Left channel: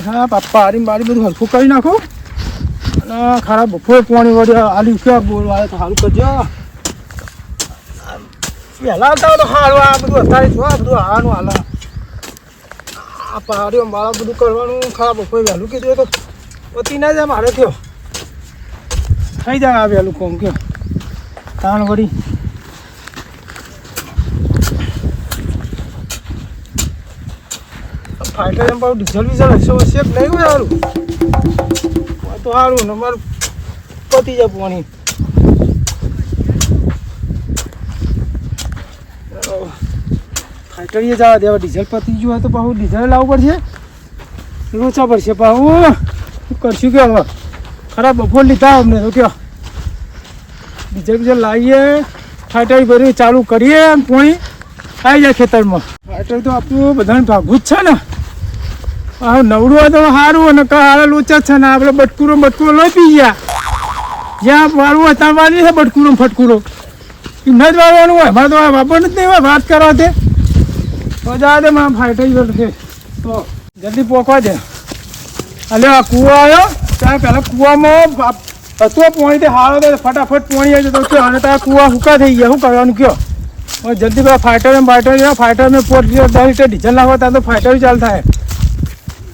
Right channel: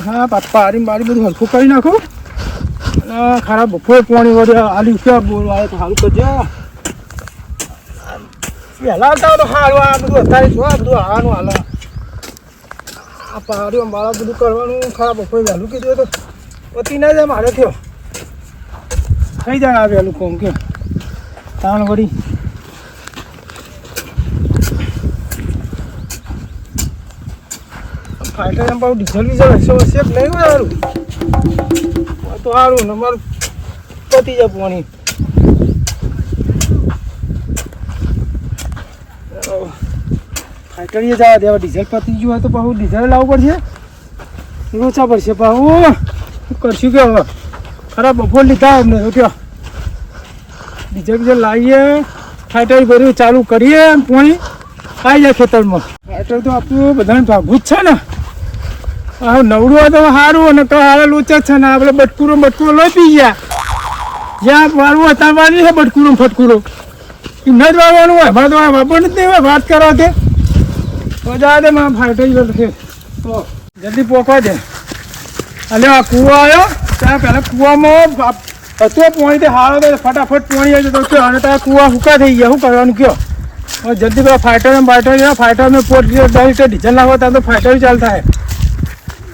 હા બાપા હારી મારી બધું હરખું કરી નાખું અને ખરાબ બપોરે પાણી વડે આલી ક્યાં બોલવા તો સારું કરજો વહેલા આવતા તો સારું આ બધું અત્યારે જો આ બધું હાવાનું હાલ આ પહાડીઓ મારા બધું કરવાનું ખરાબ બપોરે વહેલું કીધું તો પતી ના જાય મારે કયો થઈ જાય આ વહેલું કોમ કયો તાણ વળી ફાઈટર એમ પાછું ડીઝલ વીઝલ હશે હશે નહીં હોય સારું તો સારું ને મારું પતી જાય પાણી ફાઈટર એ જવા દેવા ડીઝલ પતી ગયું હોય તો પાછું ડીઝલ લાવવું પડશે ઓછા પડશે પાછું શું કરશું કે હવે ખરાબ બપોર લીધા અમને તો કયો ડીઝલ બીજલ લાવીએ ફાઈટર ભર્યું ચાલુ કરીએ પાણી આવી જાય ખેતરમાં ફાઈટર તો આપણું બધાને ભાગવું જ છે ને હા નવડું હોય તો સારું અને હારા લોચા છે ને આપણે બટકુરો લઈ પી ગયા જ્યાં વાળવું હોય ત્યાં વાળી છે બટકુરો ફટકુરો એમ જ વાળવાનું હોય મારે તો વાપર જ નહીં હોય વાત કરવા તે તો જા દે મારા ફાઈટર છે તો જલ્દી પોકવા દે અલે આ કૂવો આવ્યો ત્યાં પહેલાં કૂવામાં હતું પાણી તે હારો તો ફટાફટ પાણી આવી જતો કયો અને તો આ કૂવા હુકા થઈ ગયા શું કરવાનું કયો હવે જલ્દી પેલા ફાઈટર પોટ ડીઝલ નાખવા ત્યાં તો ફાઈટર ચાલુ થાય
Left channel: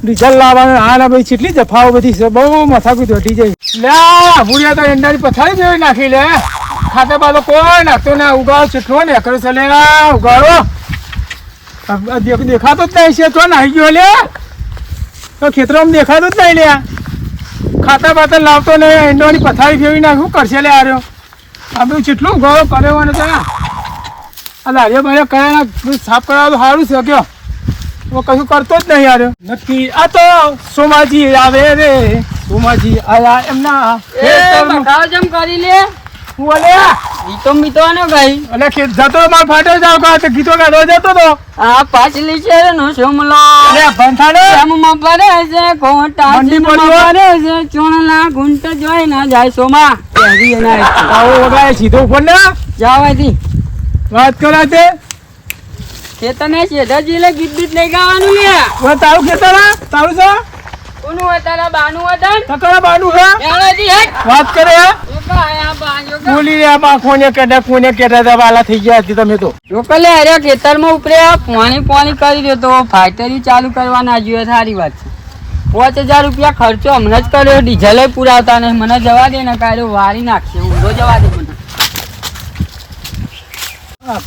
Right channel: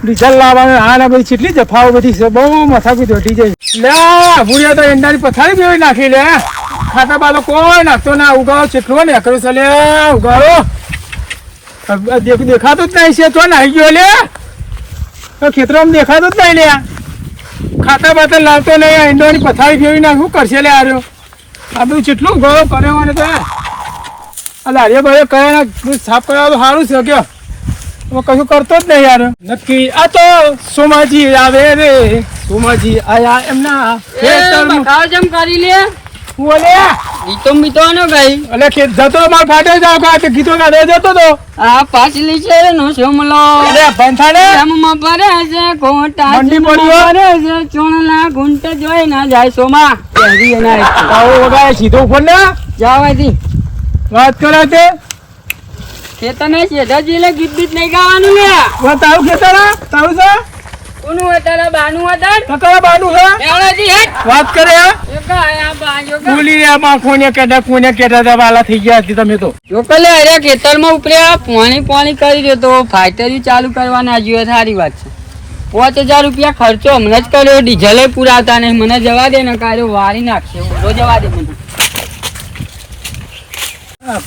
ડીઝલ લાવવાનું હા ના બધી કેટલી જફાઓ બધી છે બહુ મથાકૂટ વધી જાય લે ભૂરિયા તો એંડાની પથારી જેવી નાખી લે ખાતા બાતો કોઈ નાખતો ના ઉગાડો ચેટલો ને એકરો છે લે ઉગાડો દેખાતો જ નહીં છે તો નાહી ગયો લે તો ખેતરોમાં દેખાતો જ નહીં લે ખાતા બાતા લાવતો નહીં એંડોની પથારી ફેરવી નાખ શું કરશે લે આર્યો આ બધું કેટલું ઉગાડો કર્યો ને તો આ લારીઓ બારીઓ કર્યા સાફ કરવા સારું છે કયો કશું કરતો જ નહીં યાર નક્કી આ તો સોમાજી આવે રે સોમાજી આયા એમના જેમ કરી લે બોલે ગીતો મીતો નો ગાઈ એટલે જતો માર ફાટે જાવ કા ગીતો ગાડો જતો તો આ પાછલી છે નો સોમલો અરે બંથાડે એમમાં પડે છે કોટા મંડી પડ્યો પડે છે ચોણના ગુંટ જોઈ ના જાય સોમા પહેરી એના આવો વગાય સીધો ઉપર ને જાવાથી વાત કરે તે ખેતરને શેઠાજી લે ગીત બીત નહીં ગાવાનું ને વા તારું ખેતર તારું છે કોનું હોય તારા બાનું હતા તારા બાનું છે એવાજી હેટ વાત કરે એક આયા બાજો બોલી આ માં કોને કેડા વાલા થઈ ગયા હતી તમે તો જો પેલે અરે ખેતરમાં ઉપરે પાણી કરી દો તો ફાઈટરી ચાલુ કરવાના જોઈએ સારી વાત છે 5000 રૂપિયા ખર્ચો હમણાં જ કર્યો ડીઝલે પુરાવતા નહીં મને જવા દે ને કાઢ્યો વારી નાખશે ઊંધો જવા દે મને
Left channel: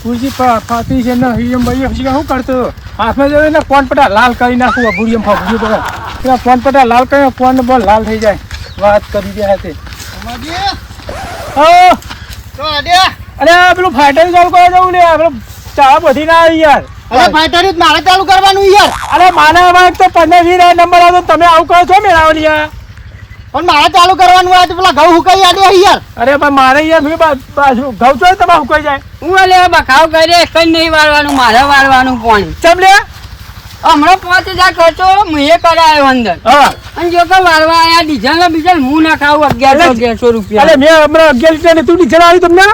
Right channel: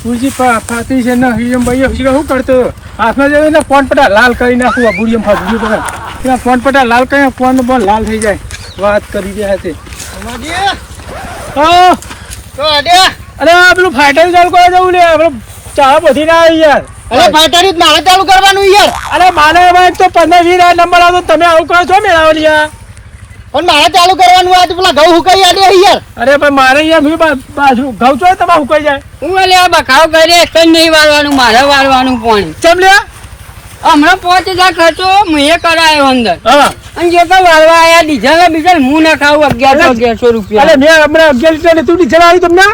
પૂજી ફાતી છે ને હિયમ ભાઈ શું કરતો હાથમાં જવે ને ફોન પટા લાલ કરી નાખું ભૂરિયમ ફાવું તો ફોન પટા લાલ કરીને ફોન બોલ લાલ થઈ જાય વાત કરી ગયા છે અરે પેલું ફાઈટર ચાલુ કરવા જવું લે આપણે ચા બધી ના યાર અરે ફાઈટર મારે ચાલુ કરવાનું યાર અરે માને એમાં એક તો 15-20 નંબર આવતો તમે આવું કરો છો મેળાવવાની યાર પણ મારે ચાલુ કરવાનું આ તો પેલા ઘઉં હુકાઈ આડે યાર અરે પણ મારે યાર બાજુ ઘઉં તો તમારે હુકાઈ જાય હું લે બખાવ કરે કઈ નહીં વાળવાનું મારે વાળવાનું પાણી ચમ લે હમણાં 5000 ખર્ચો મેં કરાયો અંદર હવે અને જો કે વાળવા આયા ડીઝલ બીજલ હું ના ખાવું 1100 રૂપિયા અરે મેં હમણાં 11 લીટર ને તું ડીઝલ આવી તમને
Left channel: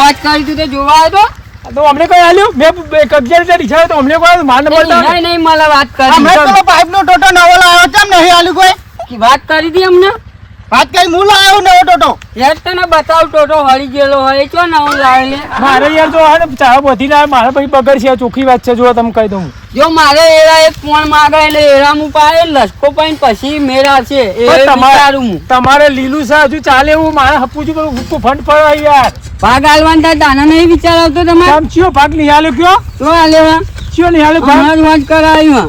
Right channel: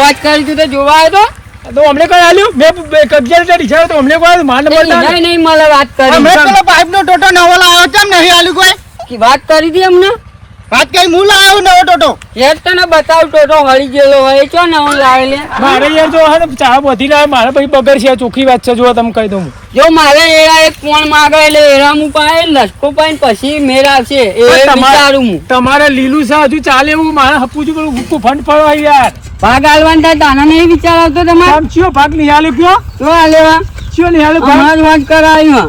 વાત કરી તું તો જોવા આવ્યો તો અમને કઈ આલ્યું મેં 11 લીટર ડીઝલ તો અમને કોઈ માન બોલ નહીં મને વાત કરી હમણાં પાઇપ નો ટોટો નવો લાવ્યો કેમ નહીં આલ્યું કોઈ વાત કરી હતી અમને વાત કઈ હું લાવ્યો નવો ટોટો યાર તને બતાવ ટોટો હળી ગયેલો હોય ચો નવો લાવે લે મારે યાર જો હે ચા બધી ના મારે પછી બગડ છે ચોખ્ખી વાત છે જો તમે કહી દઉં જો મારે એરા એક કોણ માગે એટલે એરા મુ પાય લસકો પાઈ પછી મેરા છે એ વિચારું હું તમારે લીલું છે હજુ ચાલે એવું મારે હપુજી પેલું ગુક્કુ ફંડ પડો યાર ભાગ આલવાન થાય તાના નહીં વિચાર આવતો તમારે આમ ચિયો ભાગ નિહાલ્યો કયો તો આલેવા ચિયો નિહાલ્યો ભાગ વાત કરાયું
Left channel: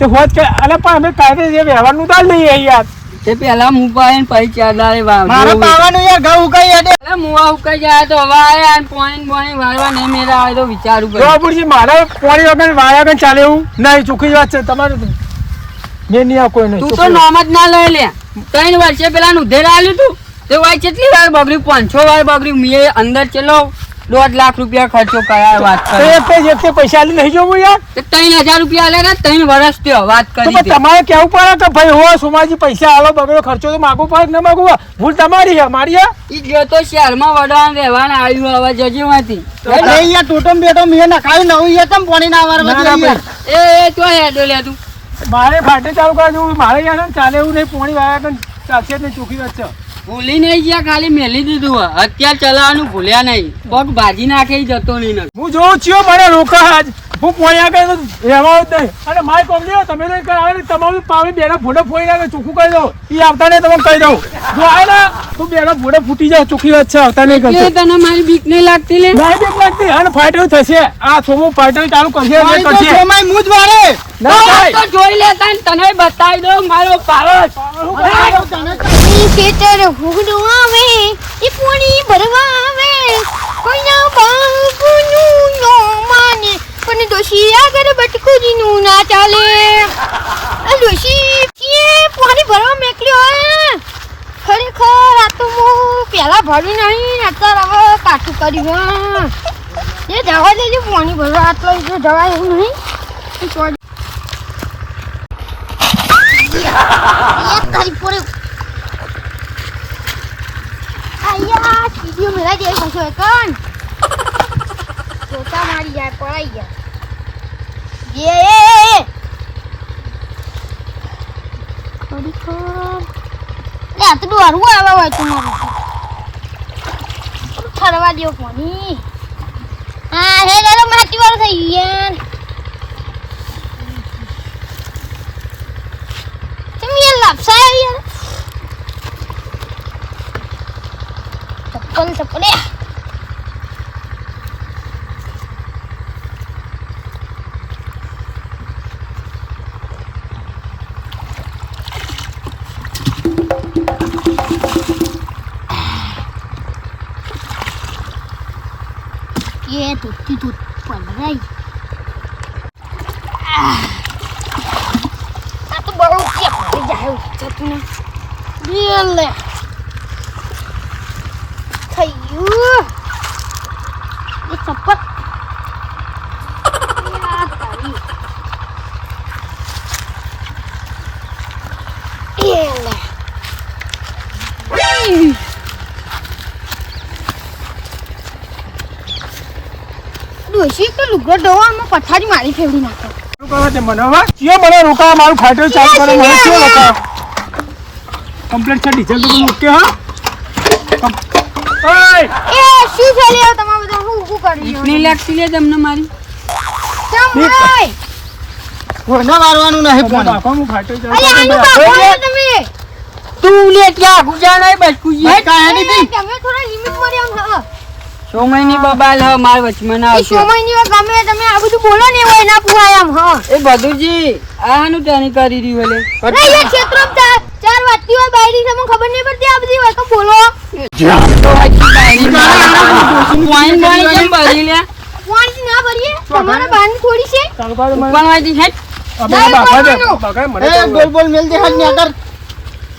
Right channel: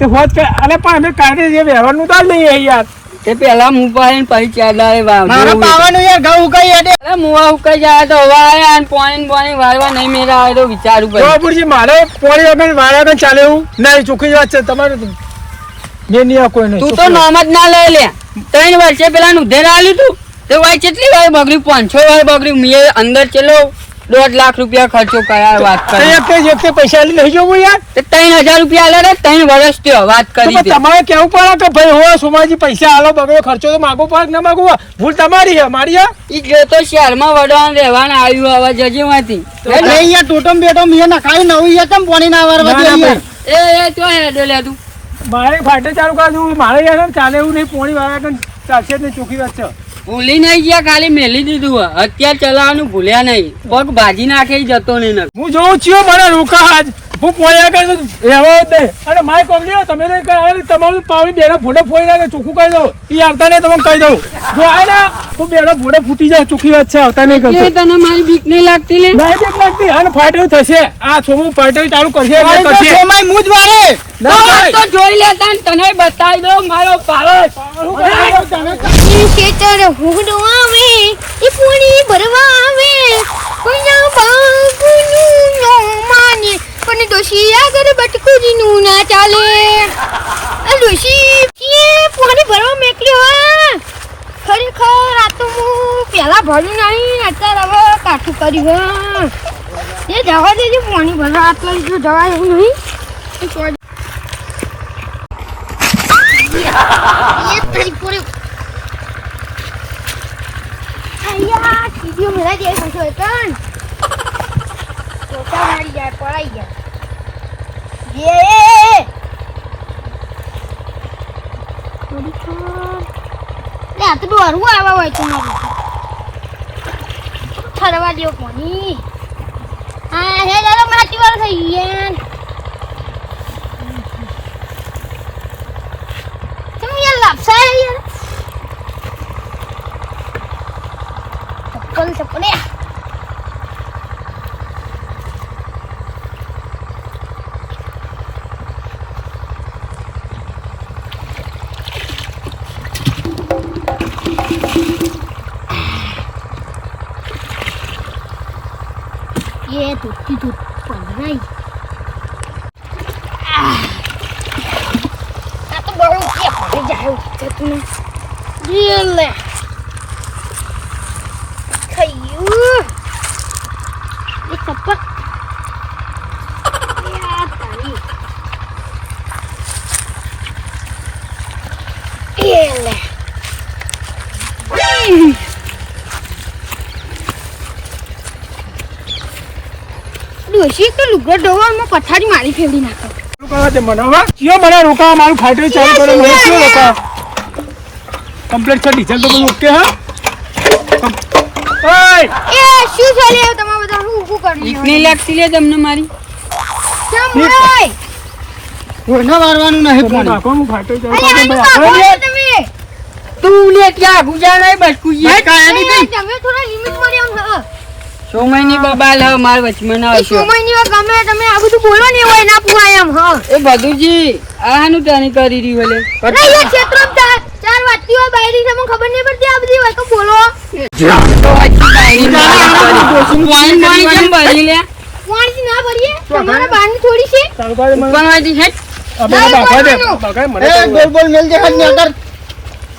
તે હોત કે અરે પણ અમે કાઢે જે વ્યવહારનું તો નહીં યાર તે પેલા મુ પાય પછી ચાદારે વાવ મારે પાવાનું યાર ઘઉં ઉકાઈ અડે અરે મુવા ઉકાઈ જાય તો હવે આયા અને પાણી વાળવા નહીં મેરા આવે તો વિચારું પડે બાબુજી મારે પાણી વગર વાળા વગર ચાલે એવું નહીં ચોખ્ખી વાત છે તમારે મેં નહીં કોઈ નહીં તું તો નામ જ ના લઈ લે 3 વર્ષે પેલા ઉધેર આલ્યું તું તો વાય કેટલી વાર બગડ્યું 500 વાર બગડ્યું મેં અંદર ચલો 1.5 લાખ રૂપિયા ખર્ચો કર્યા વાત કરી એક પૈસા આલી નહીં જોવું યાર 3000 રૂપિયા આલ્યા 3 વર્ષ થયો વાત કરી તમારે કેવું પડે કે ભાઈ હો સોમાજી પૈસા આલો બગડો ખર્ચો તો માગો પડે ના માગો ભૂલ તમારી છે મારી ઈ જો તો શહેરમાં વડવાન રહેવાના આવ્યું હવે જજીમાંથી યાર ટોટમ બેટો મેં નખાવી નવું યાર તમ પાણી ના વારવા એ તો હેડો લે તું મારે ફાટે ચાલુ કરવા મારે યાર ચાલે એવું નહીં પોણી વાળા કન ચાલશે જ નહીં ચોખ્ખી વાત છે ભૂલી નહીં ગયા ખાલી મેલી દીધું હે. અત્યારે ચલાવવાનું ભૂલ્યા નહીં પગ ભાજી નાખે ઈ જતો નહીં ને. હું જોઉં છું મને રોકા આજ હું પોણી આગળ રહેવા જ નહીં અને માય કોમલી તમે તો તમારું પાવડી બેનો ફોટો ફોડી નાખે ચોખ્ખું કહી દઉં એ આવતા નહીં તમને કહી દઉં જો આવે ને તો બેનો ફોટો ફૂટી જાય ચોખ્ખી વાત છે આવતા નહીં કરશે તને મારી બીક નહીં લાગતી લે નહીં બીક લાગતી અને ફાઇટર થશે આ સોમું ફાઇટર ચાલુ કરશે એટલે કરશે સોમાય મુજ વાળે તો જોઈ લેતા ને તને બતાવી દો મારો પાવર ખેતર હુગડું આવે એ પૂરી ભરવા આવે કોઈના બાપુનું નો માને પણ ડોશી આગળ બટકુરીનું ના ચાલે આ ડોશી કે પાણી ભરવા મેકલ્યો ખરેખર આ તો હું પહેલા ભર્યું નહીં અત્યારે હવે કાઠું કર્યું એ જવા દેજો પાણી ભરવા આટલો જો જવાય એવું નહીં તારી પૂરી આયા વીડિયો મેરા જે ખસો કન ચોટા મારી જાય પડાઈ ગયા યે થોડી ખોર લે આ તો ડોરું આવા હોય તો મારું ઠરવા દો કોની હા હે દાદા માટી વાર થઈ યાર તમે યાર લાપસા યાર ચપ્પલ ये टूटी टूट पड़ गई आ तो बड़ो क्या पड़ जाए तूने ले खयू ये चप्पल यार तारी ये ले ડોશી તો લુગડો ડોવામાં પથારી મારી ફેરવી નાખે રોકાવા દે મને હવે કયો મને રોકાવા મારું ફાઇટર ચાલુ કરે મને કયો રોકાવા કમ્પ્લીટ છે ડીઝલ તો બધું ઓકે હા ઓય એ શું છે લે તમે બધા હું કર્યું બીક નહીં લાગતી લે તમને મારી કેમ હોય કોનો મારવાનું નહીં બાપા હું ફાઇટર ચાલુ અરે કરે આનું તમે તું લે ક્યાં ગુજા નહીં બસ કુજી તમે થોડા લિમિટ માં આમ હા સોમયની બબાલ હ માર વચમાં ના આવશે સમયની વાત ગમે તમે આ બધું બોલો ને હોય ના પુવાય આમ હા એ બધુજી આનું તેની કરી રહ્યું ઓલે નહીં એ ક્ષેત્રમાં ચાર વાતીઓ બાયરી છે મને ખબર નહીં પડતી આ બધી વાત તો બોલો વાઈન વાઈન કેમ ભરી લે પાણી ના ભરીએ તમારે બાની થોડી છે ચાલુ કરે મને ઉપરવાજી છે અબે બાપા દે બાપા મને બોલ મેલ દે હાથ ને આગળ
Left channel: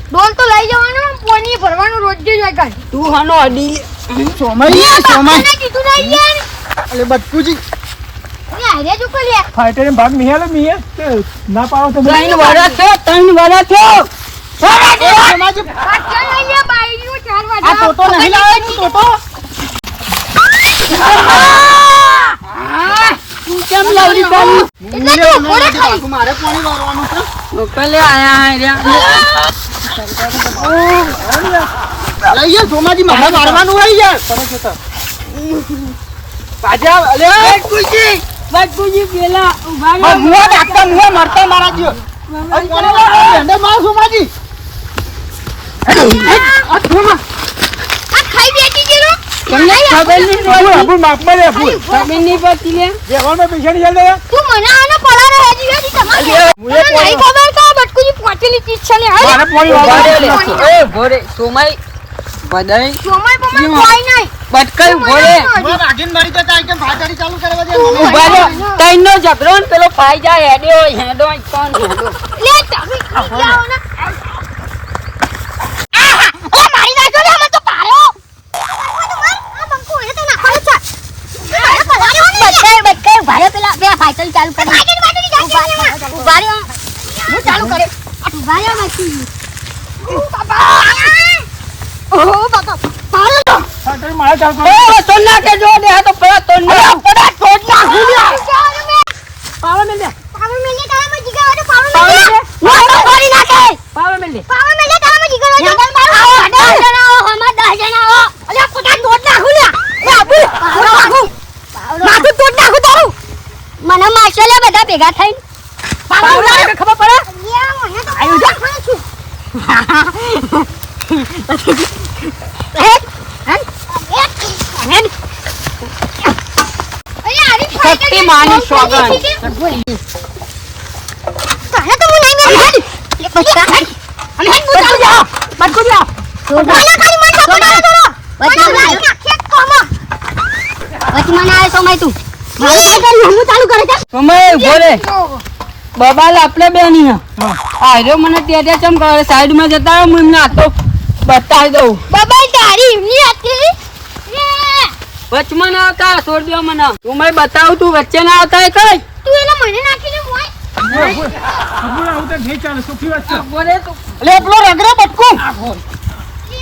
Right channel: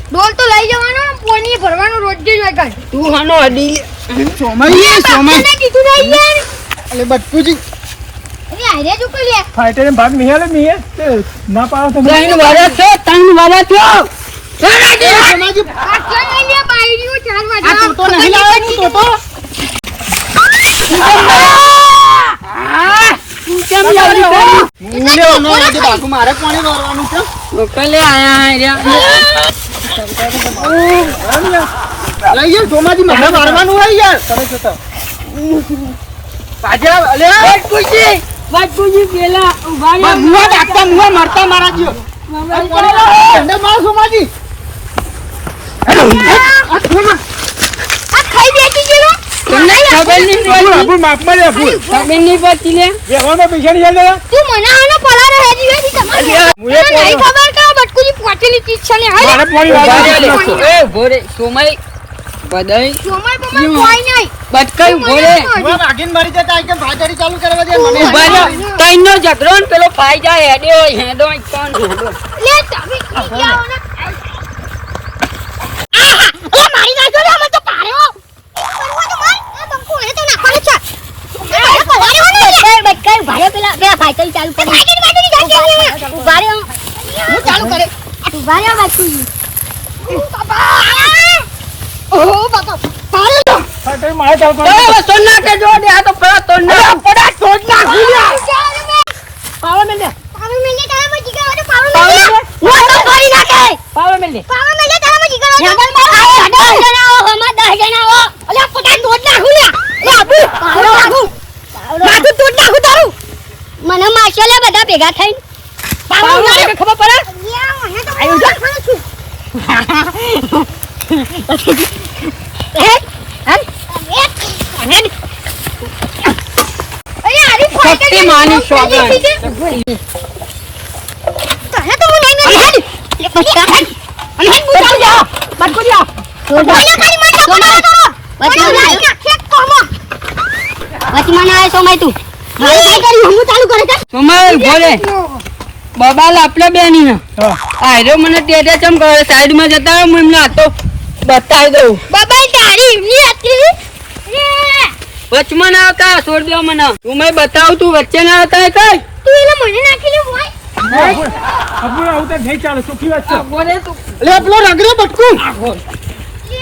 ડોલ તો લઈ જવાનો પાણી ભરવાનું રોજ જ હોય તું હાનો અડી સમય કીધું નહીં યાર અલે બટકુજી એ આરે જો લે ફાઇટર ભાગ નહીં આલે મીએ ના પાડો તો ત્રણ વાળા છો આ ચાલ લઈ લે બાયરીઓ ચાર વાગે આ ટોટો નહીં લાવવાનું ટોટો કેમ લાવરી કરી એટલે બાકુ મારે પાણી વારવાનું છે લોકલે આયા રહ્યા લઈએ સોમાજી મારે મારવાનું હોય યાર પાછા અલે બટકુજી પેલા ઉભા રહો મુવા ડાકતા મુવા મારતા મારા જીઓ એને માર સોમાજી આ થોમાં આ ખાઈ બેઠી ગયો તમને ખબર નહીં પડી અબુ માપમાં લે અબુ ખબર નહીં પડતી લે જેવામાં પૈસા નહીં આલે તું મને આનો પલારો હેજી વેજી તમારે હું એ નહીં ખબર કે આ બટકુજી પોટેલી ચીજ છે લે મારે પાણી વાળવા દે એ ભોરે સોમય બધાય સમય બમય કોઈ નહીં બટકાઈ ભોરે હું રાગીન મારી જતા કે ભાગડી ચાલુ કરવા દે મને ઉભા રે તઈનો ઝઘડો ને પેલો પાઈ જાય હેડ્યો હેડો કોણ હેડો લે તમે જાઓ ને આ મારી નાખો ને મને તો પારો કરવા તો માર આ બંકો એ તો નાખવાનું છે બટકાઈ ભારે પેલા બે ફાઈટલ ચાલુ કરી ઉભા રે હું ચાલુ કરે ઉભા રે બાકી ઓહો બાપા પારો ફાઇટર મારે ચાલુ કરે એ સોના કે જો દે આ તો પડા તોડ ના પડા તોડ ના પાવર મેલે કાય મજી ગયો તો પાવર લે પાવા મેલે તારા જીગર હેડલ મારો આવો 10 જણા આવો હમા 10 જણા આવો અલ્યા પટા તોડ નાખું લ્યા એ આબુ માથું તોડ નાખું તારું મને મારશે લે બધા ભેગા થઈને પાવા ઉડાડે ખબર પડે આયો જા સત્ય માની સોગન તને તો હું નહીં મેં હેડ અને હેડ બુજા જા મત કુડિયા સોના ખાલી મત સોના વચમાં ના આય સોમાય તું મારું કઈ કર્યું હું ચાલુ કરે છે સમય ઉભો રે બબાલ આપણે બેની હા આયરો મને ટેટે ચમ કરે સાઈડમાં જતા રહો, હું એમને હાથો બતાવી દઉં બાબા તારી ની હતી વચમાં ના આવતા છોડ દો મને તું મેં બતાવું તું વચ્ચે ના આવતા કઈ તું એને મને નાખી લે મોય અબુ આવું તો નહીં ચાલે સુખી વાત છે બોલે તું લે પેલો રગડે બટકું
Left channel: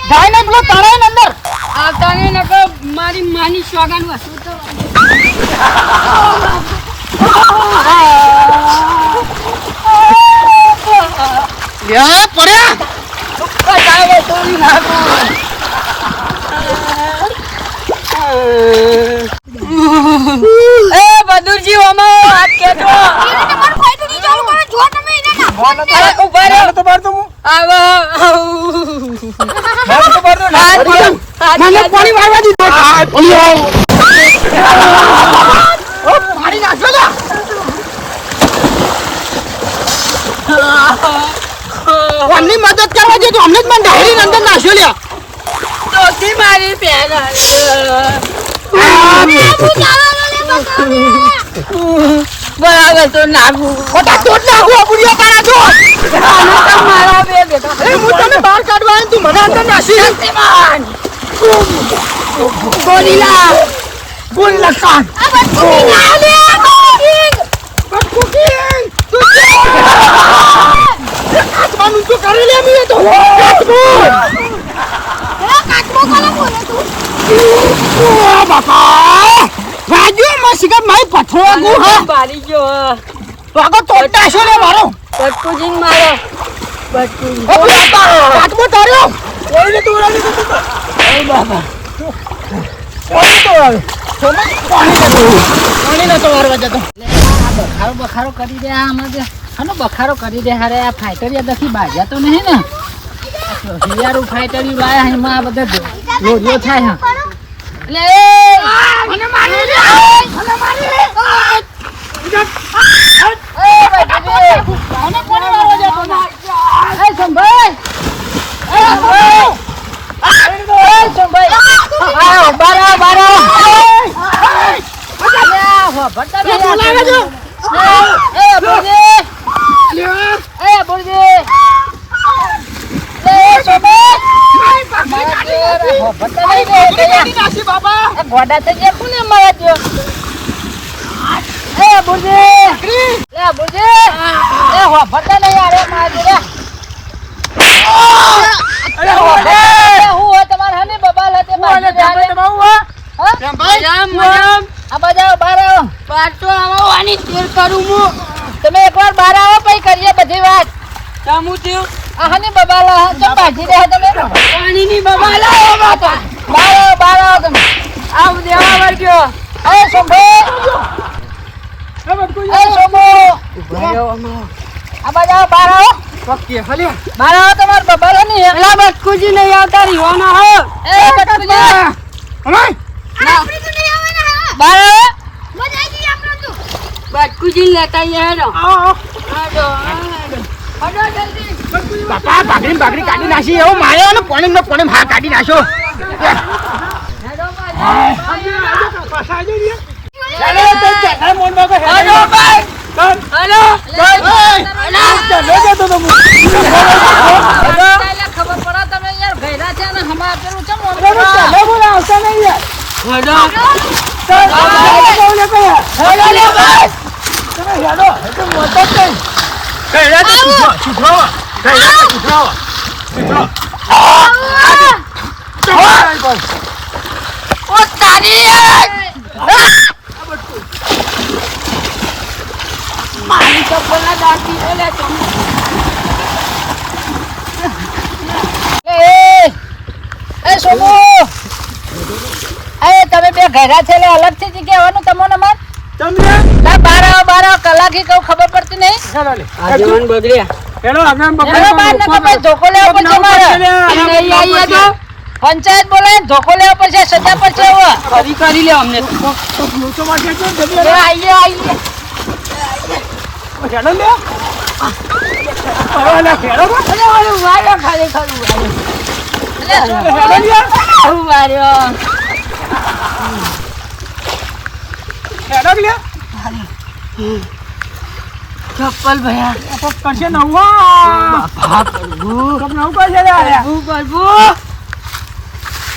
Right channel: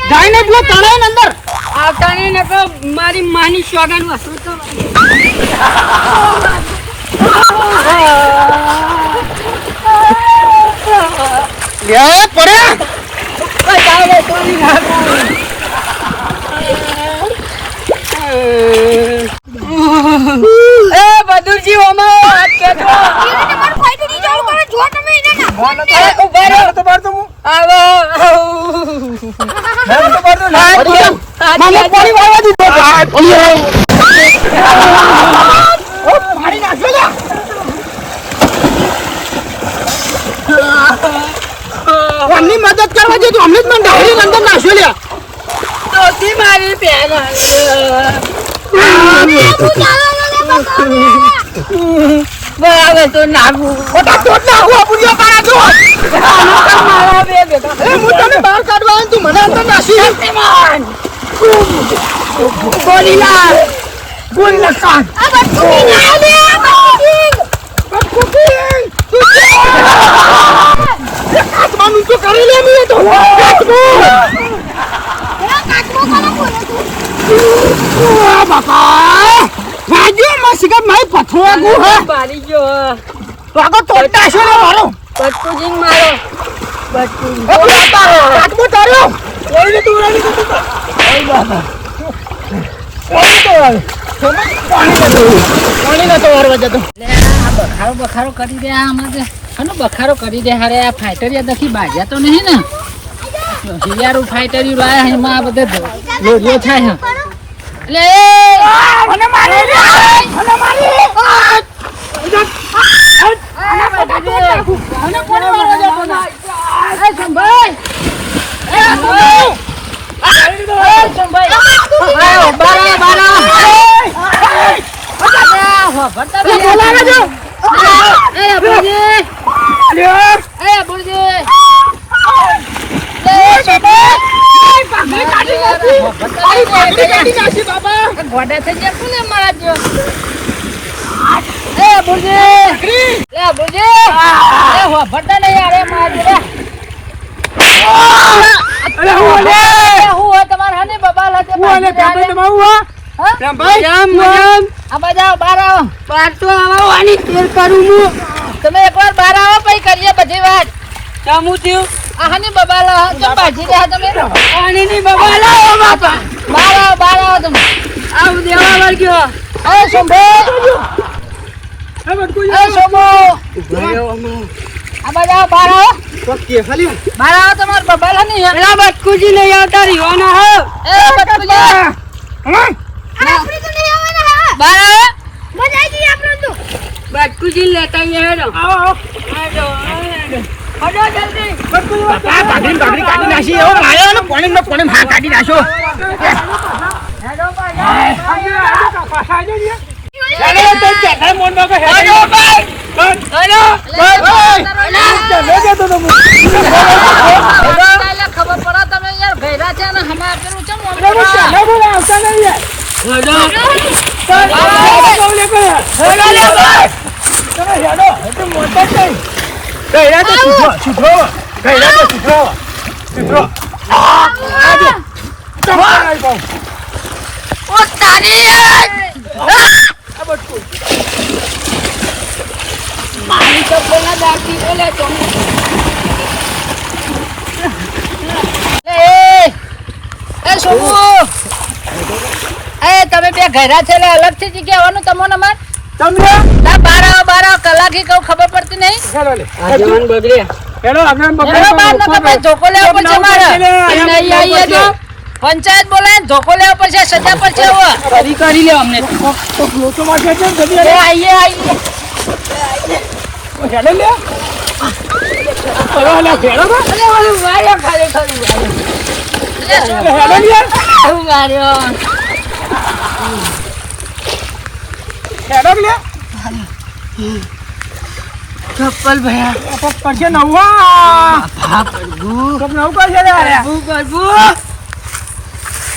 જાય ને પેલો તણાય ને અંદર આવતા ને નકો મારી માની સોગન વસૂલ કરો લે પડ્યા બતાવો તો ની નાખો એ બદુરજી ઓમો હાથ કેતો એને તમારું ફાઈટ ની ચાલુ કરે જો તમે એને ના અરે ઉભા રહો તો બાર તો હું આવો મને પાણી વાળવા દીધો પાણી નાખજો લે અમને મદદ કરવા દે તો અમને જ મને ડાયરી અંદર નાખ્યો લે ચોથી મારી બેન બરાબર તો નાખું ખોટા ટોટ નાખું આ બુડિયા પાડા તો મારા બે બેટા હું તને બહાર કાઢવા આવ્યો, તું મને અંદર નાસી શક્તિમાન ગોરીલા ગોરીલા કાન આ બધું ના લે કુકિંગ કાચવાનું તો કરી લે મે તો કાચમો કોને બોલે તું ઓ બાપા વાગ્યો મસગા માઈ પથરો ગુ હા પાડી ગયો વાગો તોડતા છે ને મારો બટકુજીંગ મારો બટકુજી ઓ બાપા કાચમો તાર્યો ઓય ને તું ઓલી તો ઓય બાપા ઓય તો પાણી ન તો વારવા જતો બખારો કરી દે આમાં આનો બખારો કરી દે હારે આ ફાઈટર યાદ નથી બાજા તો નહીં ને હિયારું ફાઈટર યુ લાયા એમાં આ બધા લોરીઓ થાય હા એટલે મને મારે મને મારે અને કોને મારવા જતો ના એ સંભાઈ એ સંભાઈ આયો બારા બારા બોલાવે જો એ બોલજે લ્યો એ બોલજે એ સંભાઈ પાઘડી કાઢી નાખી પાઘડી કાઢી નાખી બાબા ગોડા થઈ જાય કોને મારા જો એ બોલજે પાઘડી લે બોલજે એ હો ભરતા નહીં યાર એ મારી લે અરે હું લે હું હોય તમાર હની બબાલ હતે હું લે પેપર દબાવું હા હા કેમ ભાઈ રામ રામ આ બાજા બાર આવો બાર તો આવો આની તેર કરું હું તમે એકવાર બાર આવો પછી કરીએ બધી વાત ચામુ થયું આ હની બબાલ કેમ બાજી રહ્યા તમે પાણીની બબાલ આવો બાપા બાર આવો તમે આવ દેવા વર્ગ્યો ઓય સંભો એ બટકુ એ સંભો આ બાજા બાર આવો ઓકે ખાલી બાર આવો તમાર બબાલ હની એલા બટકુજી નહીં આવતા રીવાના હો એ બટકુજી હમાય આપણે તો નહીં આવવાના હા બાર આવો મજા આવી ગઈ આપણે તો બટકુજી લેતા આવીએ હેડો આવો હેડો હેડો જલ્દી બાપા પાઘડી કાઢી નાખી એવો માર્યો ને પોણી ને પોણી માર કાઢી નાખ્યો ચાલો તો ચાલ મોન બાબા હેડો ભાઈ હેડો ચાલો જતો તો ખબર પડે તમે યાર ભેરા છે ને હમા પેલું ચમ ચાલો બોલા આવતા નહીં યાર હેડો ચાલ બોલે કે હેડો લે ભાઈ તમે હેડો તો મોટો તો હેડો તો સુધરો હેડો તો સુધરો આજો તો ભાઈ ઓ તારી મારી તો બોલા દાટી બોલે તમે સોમુ એ તમે બે ઘરા છે એટલે અલગથી જ કહેવાનું તમને માર તમને ના 12 કલાકી કહું ખબર પડતી નહીં ચાલો લે આગેવાન બગડ્યા હેલો આગળ અરે બાર ને તમે ધોકો લેવો પડશે મારે નહીં આવીએ તો પંચાયત બોલે ધોકો લેવો પડશે સજા પડશે હવે કરી લે અમને તો લોચો વાગ્યો છે ને જલ્દી એ હેલો આઈએ લે અરે લે ફેરો બા વાળો ખાલી ખરું હેલો લે વાળો હેલો લે ચપ્પલ ભયા તો કરશે નવા તો નવ કરશે રે અરે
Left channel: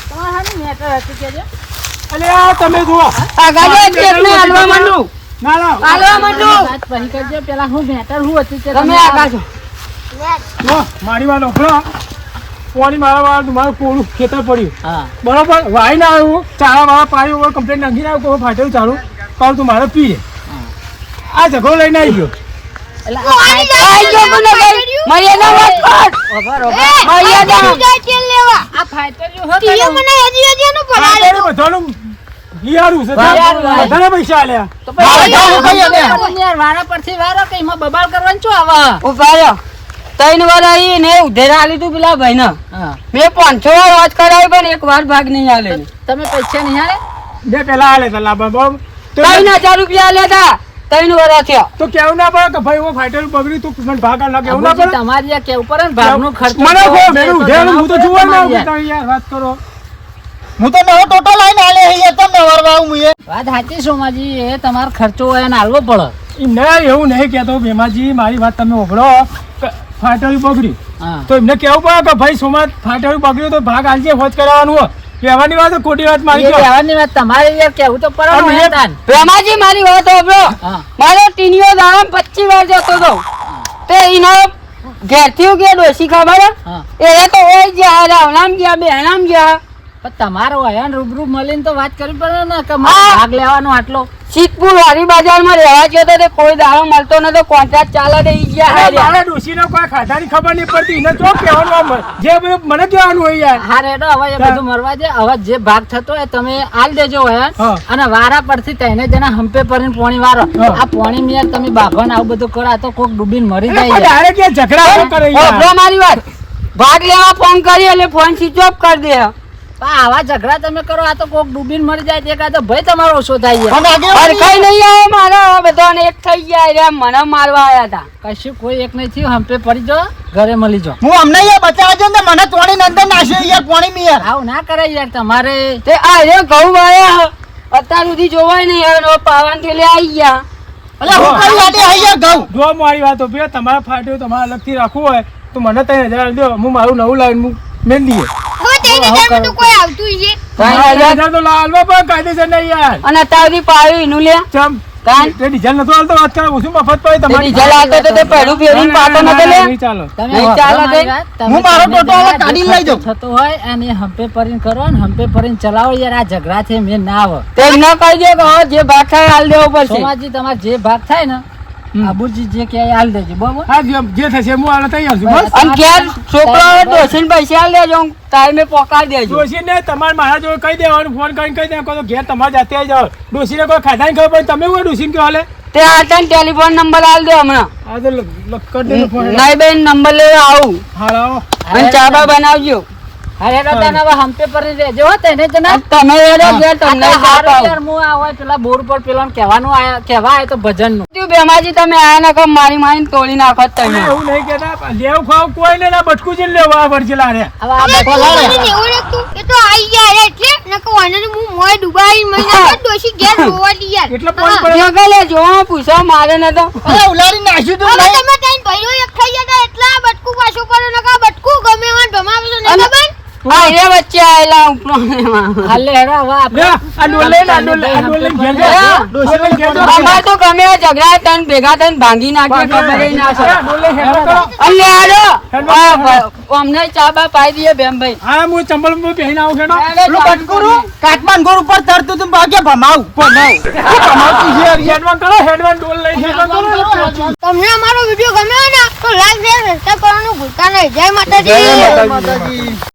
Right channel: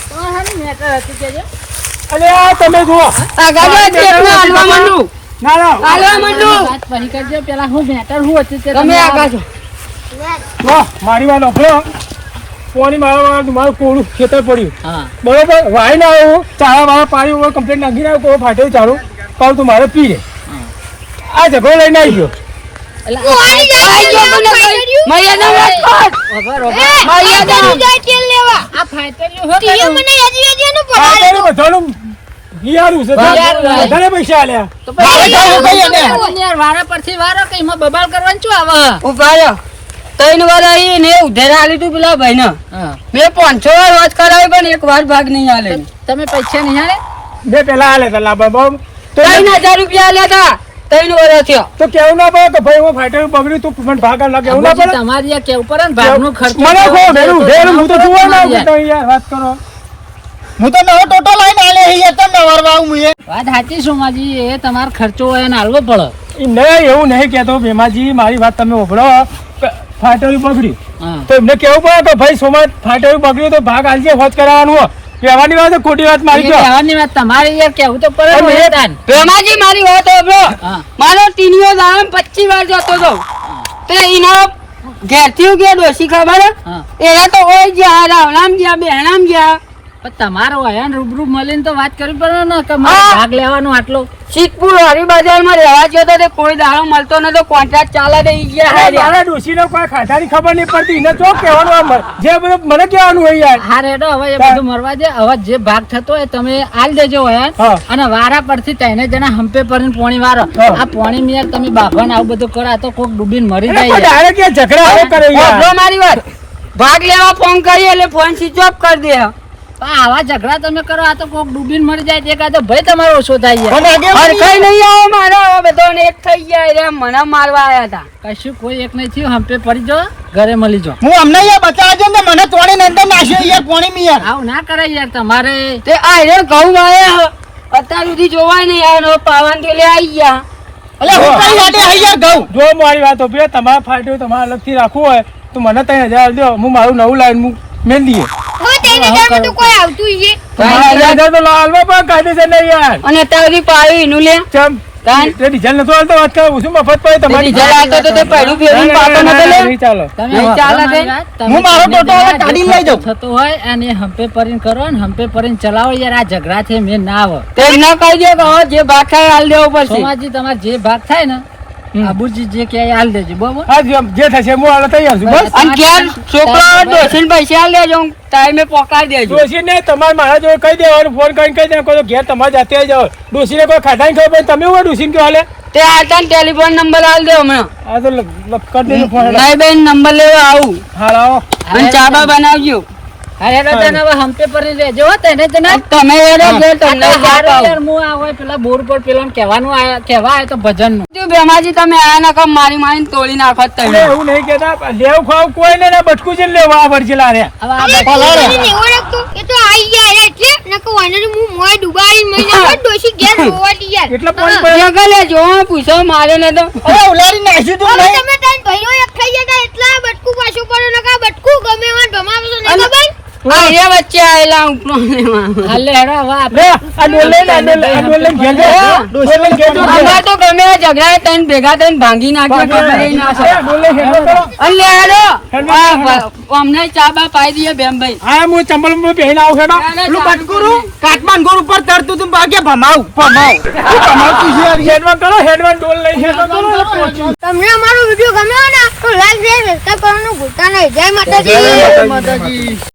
તમારે મેટર હતું કે અલે તમે જુઓ આગાજો ટેપને હાલવા માંડું ના ના હાલવા માંડું વાત ફરી કરજો પેલા હું મેટર હું હતું તે તમે આગાજો લો મારી વાત ઓફરો કોની મારા મારું કોળું ખેતર પડ્યું હા બરોબર વાઈ ના આવ્યું ચારા વાળા પાણી ઉપર કમ્પ્લેટ નાખીને આવ્યું કોઈ ફાટ્યું ચાલુ કહું તું મારે પી લે આ ઝઘડો લઈને આવી ગયો પોણી મર્યાદા વાત કર આ ફાઈટર હો આ તારું બધાનું બિહારું છે બધાને પૈસા આલ્યા મારે જવું કઈ અને યાર વારા પરથી વારો કે એમાં બબાલ કરવાનું શું આવે ઉભા રહ્યો ત્રણ વાર આવી ને ઉધેર હાલી તું પેલા ભાઈ ને હા મેં 500 વાર વાત કરાવી પણ એક વાર ભાગ નહીં હાલે તમે પૈસા નહીં હાલે બે પેલા આલે તો લાભ બમ તો 3000 રૂપિયા આલ્યા હતા 3 વાર થયો તો કેવું ના પડે કે ભાઈ હું ફાટ્યું બગડ્યું તું મને ભાગ આલ કેવું ના પડે તમારી આ કેવું પડે ને ભાગનું ખર્ચ મને કહો મેરું ઉધેર હું તો જોવા ના આવું તો યાર વાત કરો હું તો નવો ટોટો લઈને આલે યાર તમને વરવા હું એ વાત સાચી સોમાજી એ તમારો ખર્ચો હોય ને હાલવો પડે નહીં એવું નહીં કહેતો ભેમાજી મારી વાત તમે ઓભળો ફાટ્યું બગડ્યું હા તો એમને કેવું પડે કે ભાઈ સોમાં ફાટ્યું બગડ્યું તો ભાગ આલજે હોજ કરાવવાનું હોય કહેવાની વાત ખોટી વાત મારી એ કયો કહેવાની વાત તમારે યાર કેવું તો પડે અને ને એ- તાન. પ્રેમાજી મારી વાત સાંભળો હા મારો ટીનીઓ દામ 25 વાર જતો હતો તે એનો ઘેરથી હું કે ડોસી ખબર હા એ તો ઓય જ્યાં રાવલામ જ્યાં બેહરામ જ્યાં પણ તમારો હોય ને રૂબરૂ મળીને તો વાત કરવી પડે ને કે મારે હા. ભાગ લેવાનો આટલો સિદ્ધપુર વારી બજારમાં રહેવા ગયો તો તે કોઈ દાડો મળતો નતો કોન્ટ્રાક્ટ ચાલે તે ઈ ગયા અરે હાર્યા. મારા ડોશીને કોઈ ખાધાની ખબર નહીં પડતી એને તો કહેવાનું આમ જે બધું મને કહેવાનું હોય યાર હા રેડો હવે એ બધું મરવા દે હવે જે ભાગ થતો હોય તમે આલ દેજો હોય હા. અને વારા પરથી તઈને જણા હંપે પરીને પોણી વારો હા. આ પોણી યાર તમે બાભાને આવું બધું કરો આ તો કોક ડૂબીને મરી એટલે જાય કોઈ યાર. ડાયરેક્ટ યાર ઝઘડા આવો કરે યાર સાંભળો મારી વાત ભાગ લેવા ફોન કરી એટલે ફોન સ્વિચ ઓફ કરી દે પણ આવા ઝઘડા તમે કરો આ તો કોક ડૂબીને મરી જાય તે કાં તો ભય તમારો ઓછો થાય યાર. પણ આગેવાની હરખાઈ નહીં આવે મારો બધાને એક થઈ ગયા રે મને મારવા આયા હતા કશું કોઈ એક નહીં થયું હંપે પડી જો ઘરે મળી જો હું અમને યાર બચાવજો ને મને તોડી અંદર નાખ્યો યાર પાણી માં યાર આવું ના કરાય યાર તમારે તે આ રે ઘઉં વાયા અત્યાર સુધી જોવાય નહીં યાર પાવાન થી લે આવી ગયા અલે હું કઈ વાટે આઈ યાર ઘઉં જો મારી વાત ઓપી તમારે ફાટ્યું તમારે અલગથી રાખવું હોય તો મને 3000 દો હું મારું નવું લાઈન હું મેલ દઈએ કોઈ આવતું છે 3000 તો લાલવા પણ કાયદેસર નહીં યાર અને અત્યાર સુધી પાયું એનું લે ચમ કાન તે ડીઝલ નતો હાલતો વાત કરે ઓછું મફત પડે તમારી ડીઝલ આવતો તો તે પહેલું ફેરીને પાતો નતો લે નહીં ચાલો તમે નહીં ચાલે તમારી તે? વાત, તમે હું મારો તમે ટોટો હવે જરા કાઢીને લઈ જાઉં. થતો હોય અને હંપે પરીને કરો ને હંપે પરીને ચલાવો યાર આ ઝઘડા છે મેં ના આવે તે ન કહી દે કે હવે જે ભાગ થાય હાલ દેવો પડશે સોમાજી તમારે જે ભાગ થાય ને આબુજી જે કે હાલ દેજો બરોબર હા જે થશે હું હાલ તૈયાર છું બસ અને ઘેર છોકરાઓ ડોસીને પૈસા લેજો ટાઈમે પોકાડી દેજો ડોશીને તમારે મારા જોડે કહી દેવાનું ફોન કરીને કહી દેવાનું તો ઘેર તમારે જાતે આવી જાઓ ડોશીને કોઈ ખાધાની ખબર પડે તમે હું ડોશીને કહો હાલે તે આટાને ટેલિફોન નંબર આલ દે હમણાં આ તો કરી દેજો ફોન નહીં બેન નંબર લેવા આવું હાલ આવો અને ચાબા બનાવજો અરે દાદા હવે હંપે પરી લેજો હો તેને જણા અને તમે એરો ઘેર તમને યાર હું આ હોય પેલા બોર્ડ પર પેલા કહેવાનું આયા કહેવા આવ્યો તો ભજન નું બેમાજી તમે આયા નકો મારી મારીને તોડી નાખો અરે તમે એવું નહીં કેતા લેવું ખાવ કોઈ ને ના બટકું છે લેવા આ વરચેલા રે હવે આ એ બધા તો આઈ ગયા એટલે નકો વાને હું મોય ડુબાઈ મહિના બાદ ડોશી ઘેર રોવા દી યાર એટલે પાણી પડે જગલે જો પૂછો માર્યો ને તો અરે ઉલાડી નાખ્યું તું હવે નહીં તમે તઈને ભાઈઓ એક થઈ ગયા તા એટલા બટકું પાછું પડો નકા બટકું ગમે વાન ભમાવશો નહીં અને- ખબર આ એ વચ્ચે આયેલા ઉપરો હાલે હેડો હવે આપણે લે આ ડોલ લઈને આ ડોલ લઈને ઘેર જા ડોશી લઈને ઘેર જા અમાર તો ગમે આ ઝઘડા તન ભેગા થઈને ભાંગી નાખે ખબર ય ના છે ડોલ લઈને હેડો કરો અલ્લે હાલો હેડો. અમને ચાબા પાઈ દઈએ બેમભાઈ હા હું ચંબલ માં પહેરીને આવું હેડો પેલું બટકું કાટમાન ઉપર તરતું તું ભાગ્યા ભમાવું હેડવાન કરો હેડવાન ડોલ લઈને હેડવાન કરો તમને અમારો વિડિયો ગમ્યો ને તો લાઈક શેર સબસ્ક્રાઇબ કરવાનું ભૂલતા નહીં જય માતાજી માતાજી